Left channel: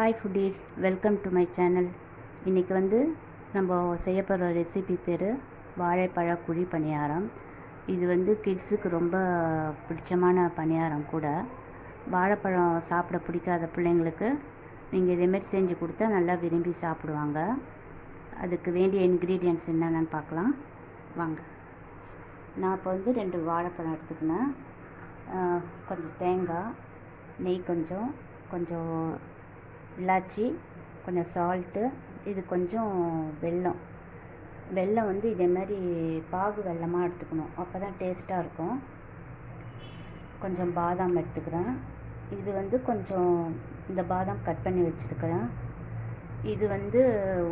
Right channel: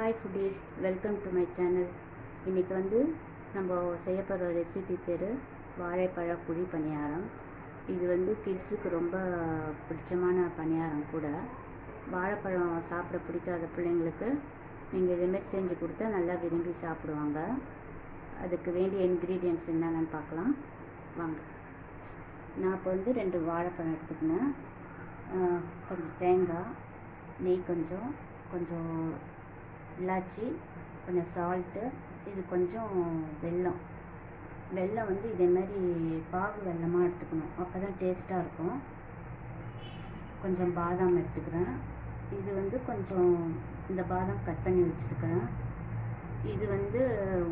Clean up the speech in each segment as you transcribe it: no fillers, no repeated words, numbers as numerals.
Hi foodies, welcome to my channel. இன்றைக்கி நம்ம செய்ய போகிற ரெசிபி பேர் வாழைப்பழ குழி பணியாரம். இது கிட்ஸுக்கு ரொம்ப பிடிச்சமான பணியாரம் கூட. வாழைப்பழம் சாப்பிட பிடிக்காத பிள்ளைங்களுக்கு நீங்கள் இதேமாரி செஞ்சு கொடுத்தா நல்லா விரும்பி சாப்பிடுவாங்க. அதுக்கு வேண்டிய இன்க்ரீடியன்ட்ஸ் என்னென்னு பார்க்கலாம் வாங்க. நான் இப்போ 2 வாழைப்பழம் எடுத்துக்கினேன். கொஞ்சம் தேங்காய், நெய், கொஞ்சம் இலாச்சி, கொஞ்சம் சால்ட்டு, இது கொஞ்சம் வெல்லம். இதே மாதிரி பாகு வெல்லமாக எடுத்துக்கணும், அப்போ தான் டேஸ்ட்டாக இருக்கும். கொஞ்சம் பாதாம் எடுத்துக்கிறேன். இது கொஞ்சம் இந்த பாதாம் கட் பண்ணி வச்சுருக்கிறேன். இது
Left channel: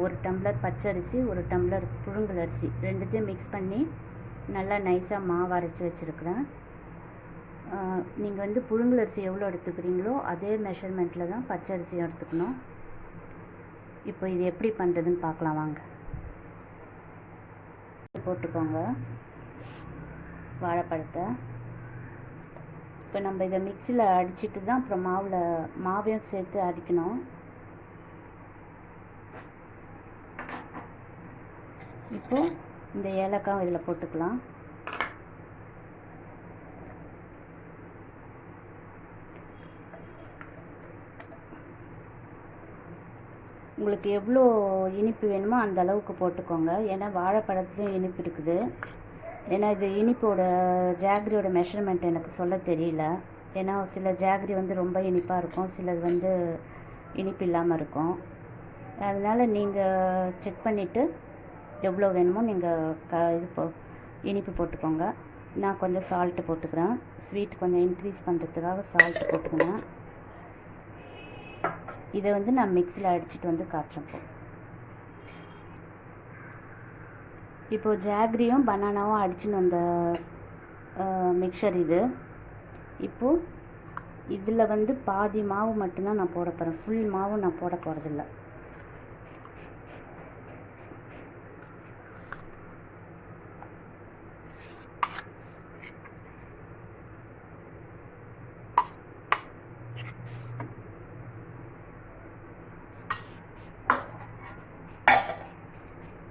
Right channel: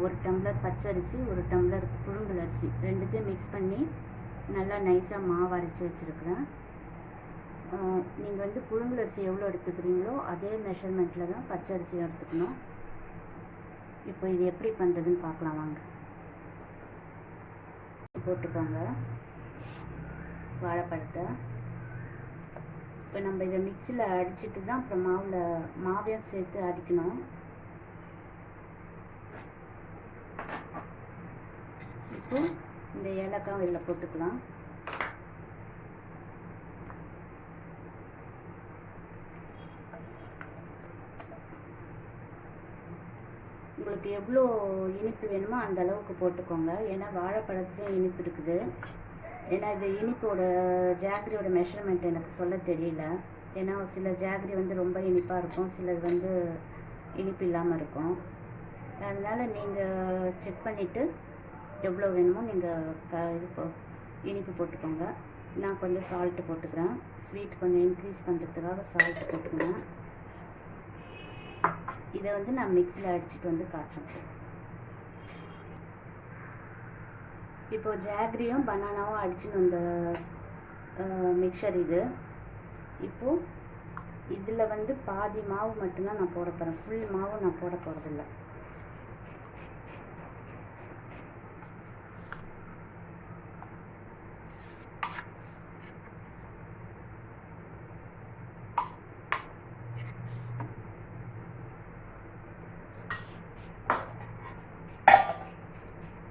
1 டம்ளர் பச்சரிசி, 1 டம்ளர் புழுங்கல் அரிசி, ரெண்டுத்தையும் மிக்ஸ் பண்ணி நல்லா நைஸாக மாவு அரைச்சி வச்சுருக்கிறேன். நீங்கள் புழுங்கல் அரிசி எவ்வளோ எடுத்துக்கிறீங்களோ அதே மெஷர்மெண்ட்டில் தான் பச்சரிசியும் எடுத்துக்கணும். இப்போ இது எப்படி பண்ணுறதுன்னு பார்க்கலாம் வாங்க. போட்டுக்கோங்க வாழைப்பழத்தை. இப்போ நம்ம இதை மிக்சியில் அடிச்சுட்டு தான் அப்புறம் மாவையும் சேர்த்து அடிக்கணும். இப்போ இந்த ஏலக்காய் இதில் போட்டுக்கலாம். உங்களுக்கு எவ்வளோ இனிப்பு வேணுமோ அந்த அளவுக்கு போட்டுக்கோங்க. ஏன்னா வாழைப்பழத்துலேயும் இனிப்பு இருக்குது. ஏன்னா இது இனிப்போட ஜாகரியோட மெஷர்மெண்ட் எனக்கு சொல்ல தெரியல. ஏன்னா சில ஜாகரி ரொம்ப இனிப்பாக இருக்கும், சிலது இனிப்பு இல்லாமல் இருக்கும். அதனால் நீங்கள் செக் பண்ணிவிட்டு எவ்வளோ வேணுமோ நீங்கள் இனிப்பு போட்டுக்கோங்க. நான் கொஞ்சம் சால்ட்டு போட்டுக்கிறேன். ஸ்வீட் கொஞ்சம் இன்க்ரீஸ் பண்ணுறதுக்காக சால்ட்டு போட்டுக்கிறேன். இதை நான் மிக்சியில் அடிச்சுட்டு காய்ச்சேன். இப்போது ஜாகரியும் பனானாவும் அடிச்சுன்னு வந்த மிக்சர் இது. இப்போது இதில் பாதி மாவு மட்டும்தான் நான் போட போகிறேன். ஃபுல் மாவு நான் போட போகிறதில்ல.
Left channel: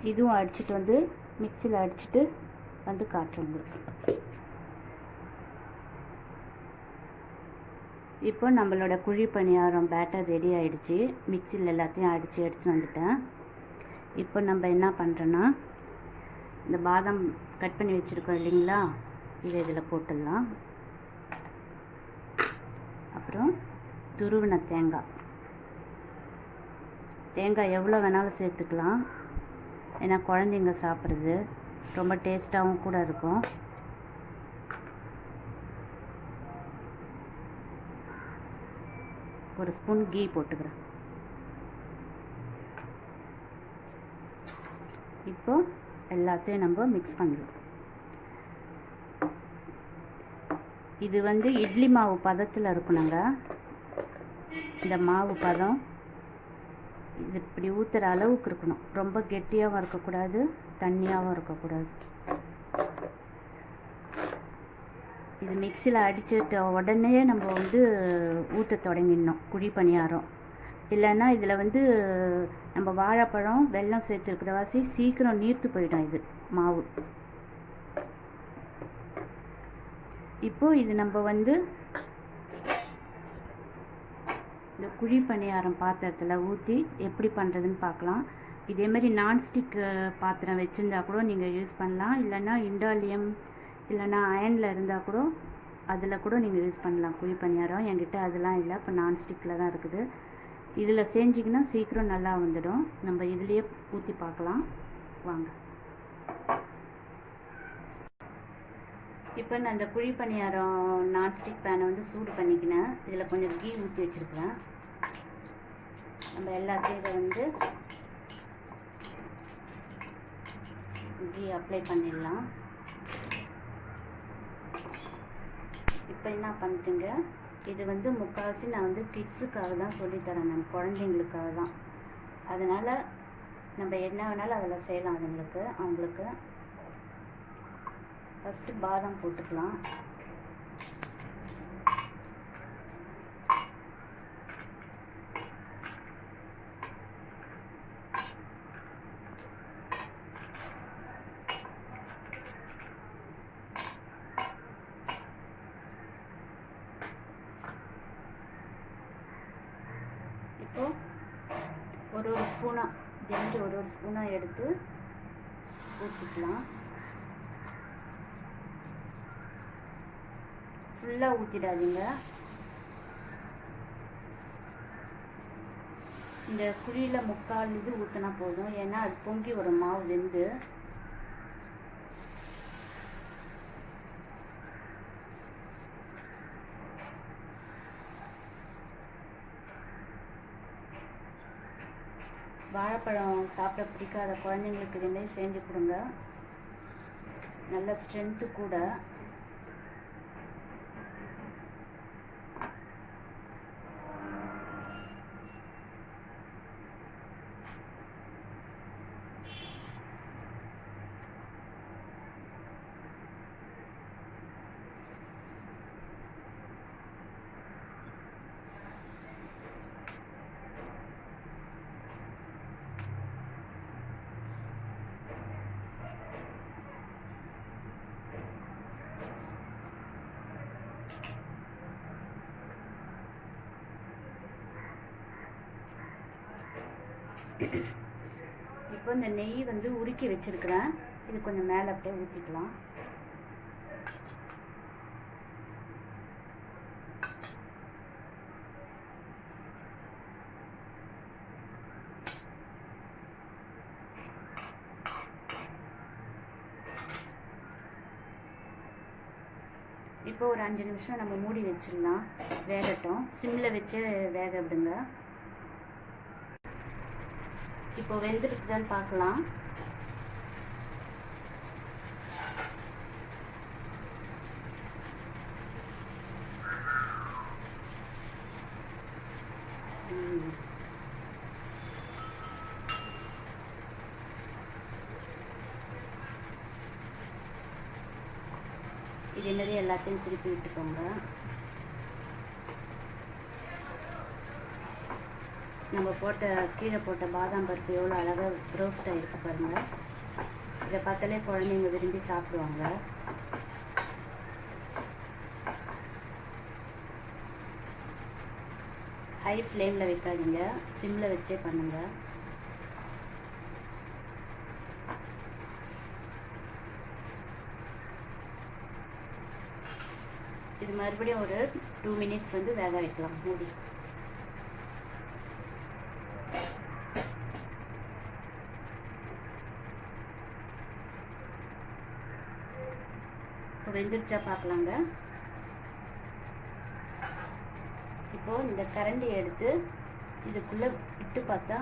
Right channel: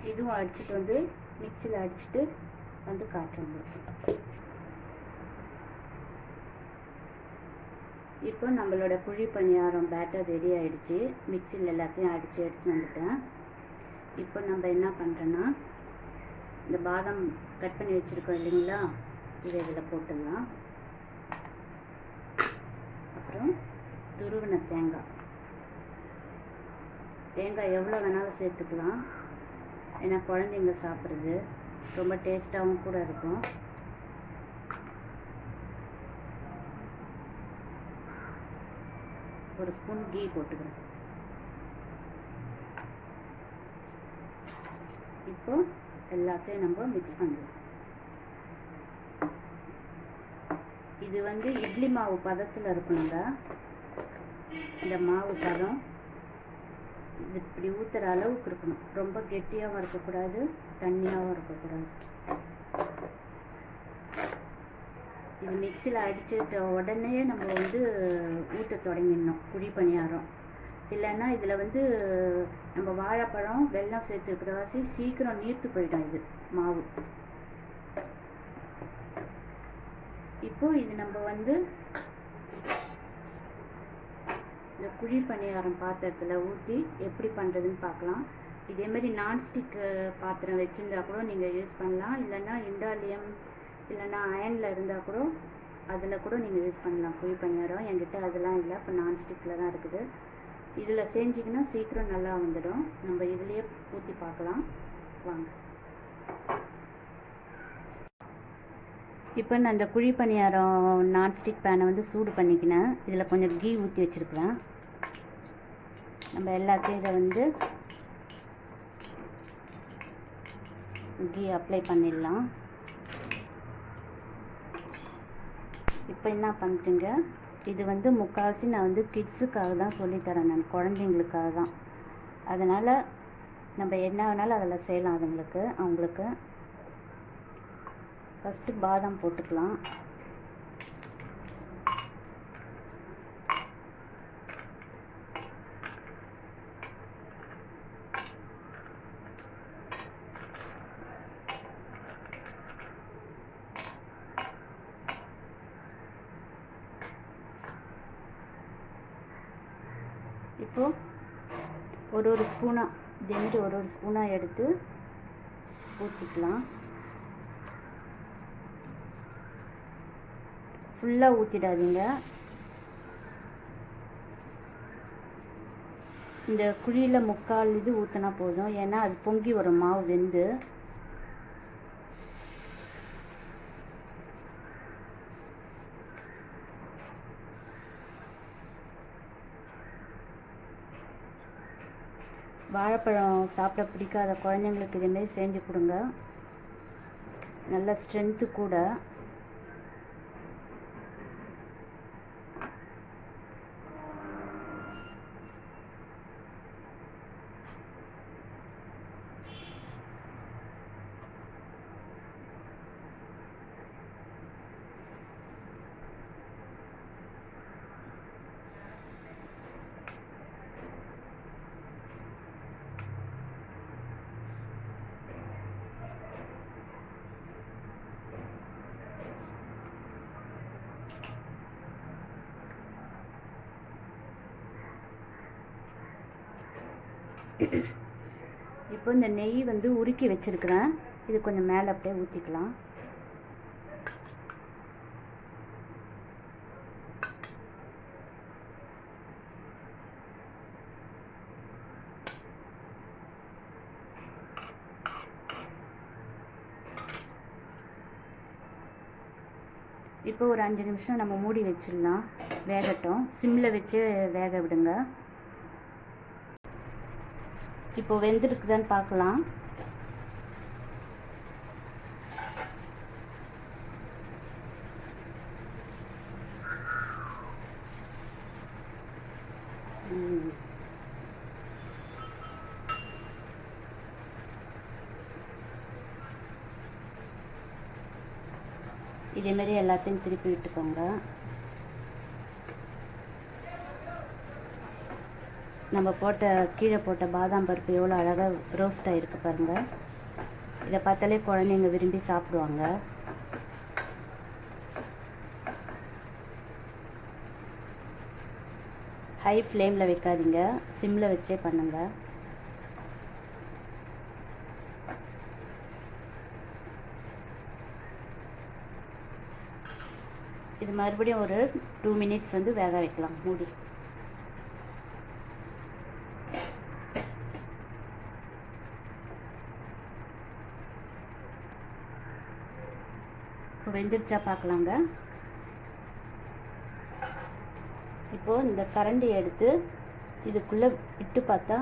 இதுவும் அடிச்சுட்டு மிக்சியில் அடிச்சுட்டு காட்டுறேன் உங்களுக்கு. இப்போ நம்மளோட குழி பணியாரம் பேட்டர் ரெடி ஆகிடுச்சு. மிக்சியில் எல்லாத்தையும் அடித்து எடுத்துகிட்டு வந்துட்டேன். இப்போ நம்ம என்ன பண்ணுறோன்னா, இந்த பாதாம் கட் பண்ணி வச்சுருக்கோம் இல்லைங்களா, இதை இதில் போட்டுடலாம். அப்புறம் துருவின தேங்காய் எவ்வளோ வேணாலும் சேர்த்துக்கலாம். ஏன்னா குழந்தைங்க சாப்பிட்றது ரொம்ப டேஸ்ட்டாகவும் கூட இருக்கும். ஒரு ஸ்பூன் கீ போட்டுக்கிறேன். இப்போ எல்லாத்தையும் நம்ம மிக்ஸ் பண்ணிடுவோம். இது இட்லி மாவு பதத்தில் இருக்கணுங்க. இந்த மாவு பதம் இது இப்படி ஊற்றுற அளவுக்கு இருக்கணும். ரொம்ப கெட்டியாகவும் இருக்கக்கூடாது, தண்ணியாகவும் இருக்கக்கூடாது. இது மிக்சியில் அடிச்சுட்ட உடனே நம்ம ஊற்ற தொடங்கிடணும் குழி பணியாரம். இல்லைன்னா இதில் நம்ம வாழைப்பழம் வெல்லம் சேர்த்துருக்கிற வாசி சீக்கிரம் நீர்த்து போயிடும் இது மாவு. இப்போது இது நம்ம இந்த குழி பணியாரம் பாத்திரத்தில் ஊற்றி எப்படி பண்ணுறதுன்னு பார்க்கலாம். இதேமாரி நான்ஸ்டிக் பாத்திரம் வச்சுருந்தா கூட நீங்கள் யூஸ் பண்ணலாம். இல்லைன்னா இண்டாலியம் இல்லைன்னா அயனில் இருந்தால் கூட அதில் கூட நீங்கள் யூஸ் பண்ணலாம் குழி பணியாரம். என்கிட்ட அதெல்லாம் இல்லை, இப்போ நான்ஸ்டிக்கில் தான் இருக்குது. இதில் செஞ்சிங்கன்னா சீக்கிரம் நல்லா வந்துடும். நம்ம இதிலேயே ஊற்றி பார்க்கலாம் வாங்க. இப்போ நான் அந்த குழி பணியாரம் நான்ஸ்டிக் பேனை சூடு பண்ணிக்கினேன். இதில் கொஞ்சம் கீ ஊற்றி வச்சுருக்கிறேன். நம்ம எல்லாத்தையும் இதை கீ அப்ளை பண்ணிடலாம். இப்போ என்ன பண்ணுறீங்க, இது முக்கால்வாசி நான் கிட்ஸுக்காக தான் சொல்லித்தரேன், நான் குழந்தைங்களுக்காக தான். அதனால் நம்ம என்ன வேணாலும் அதில் செய்யலாம். அவங்களுக்கு ஃபஸ்ட்டு பாதாம் போட்டுக்கலாம். இப்போது ஒரு ஸ்பூனாக தினட்டு ஒரு ஸ்பூனாக எடுத்து ஊற்றிக்கலாம். ஃபுல்லாக ஊற்றிடாதீங்க. இந்த குழியில் 3/4 இது ஊற்றினா போதும். ஏன்னா அது பொங்கி வரும் மாவு வெந்து. வாழைப்பழம் சாப்பிட பிடிக்காத குழந்தைங்களுக்கு இதுமாரி செஞ்சு கொடுங்க. நல்ல ஸ்ட்ரென்த்து கூட. இப்போ இந்த நெய் வந்து உருக்கி வச்சிருக்கிறேன். இது கொஞ்சம் மேலே அப்படியே ஊற்றிக்கலாம். இப்போ ஒரு 5 நிமிஷம் நம்ம மூடி வச்சிடலாம். வேகட்டும். சிம்மில் வச்சு வேக விடுங்க. இப்போ வெந்திருக்குதான்னு பார்க்கலாம். இதே மாதிரி எல்லாத்தையும் திருப்பி விட்டுக்கோங்க. நம்ம கீழே போட்ட பாதாம் பருப்பு எவ்வளோ அழகாக ரோஸ்ட் ஆகிருக்கு பாருங்கள். இதை பார்த்தாலே குழந்தைங்க விரும்பி சாப்பிடுவாங்க. ஹை ஃப்ளேமில் வைக்காதீங்க, சிம்மில் வச்சே பண்ணுங்கள். இது மறுபடியும் ஒரு 2 மினிட்ஸ் வந்து வேக வைக்கலாம் மூடி. வெந்துருச்சா பார்க்கலாங்க. இப்போது இந்த கரண்டி எடுத்து இதுக்குள்ளே விட்டு பார்த்தா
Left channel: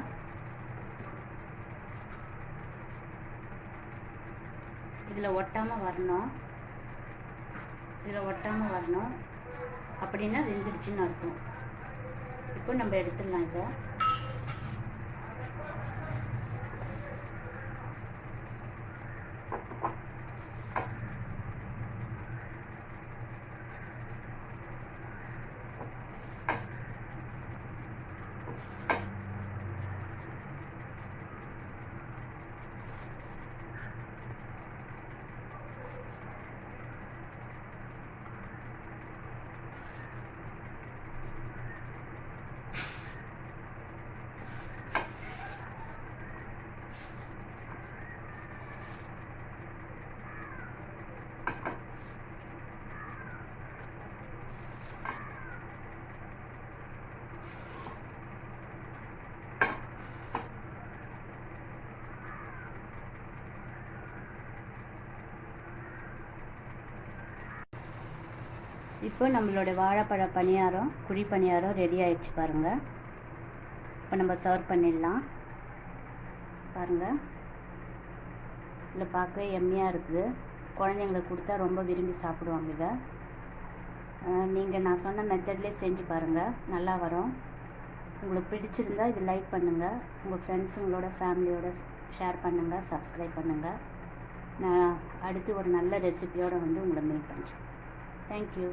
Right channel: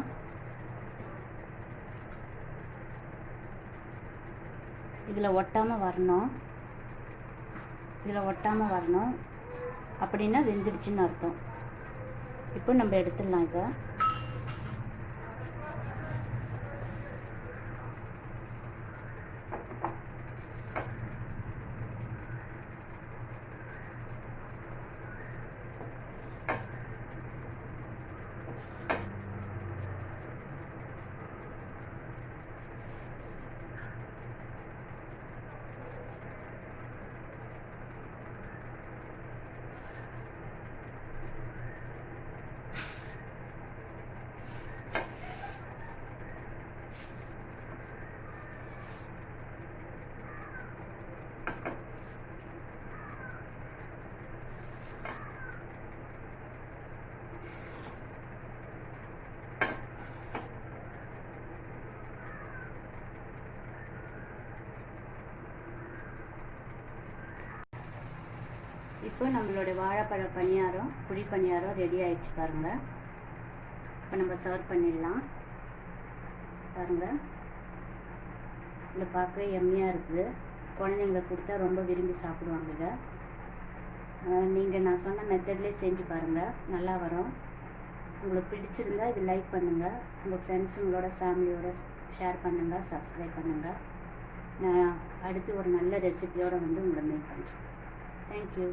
இதில் ஒட்டாமல் வரணும். அப்படின்னா வெந்துருச்சுன்னு அர்த்தம். இப்போ நம்ம எடுத்துடலாம். இப்போ இப்போ நம்மளோட வாழைப்பழ பணியாரம், குழி பணியாரம் ரெடி ஆகிடுச்சு பாருங்கள். இப்போ நம்ம சர்வ் பண்ணிடலாம். பாருங்கள், இதில் பார்க்க எம்மியாக இருக்குது. குழந்தைங்களுக்கு கொடுத்தா ரொம்ப விரும்பி சாப்பிடுவாங்க. இதை நீங்கள் நான் சொன்ன மெத்தட்லேயே செஞ்சு பாருங்கள், நல்லா வரும். உங்களுக்கு பிடிச்சிருந்தால் இது லைக் பண்ணுங்கள், உங்கள் ஃப்ரெண்ட்ஸுங்களோட ஃபேமிலியோட ஷேர் பண்ணுங்கள், சப்ஸ்கிரைப் பண்ணுங்கள். நான் அடுத்து ஒரு நல்ல ரெசிபியோடு வந்து உங்களை மீட் பண்ணுறேன். தேங்க்யூ.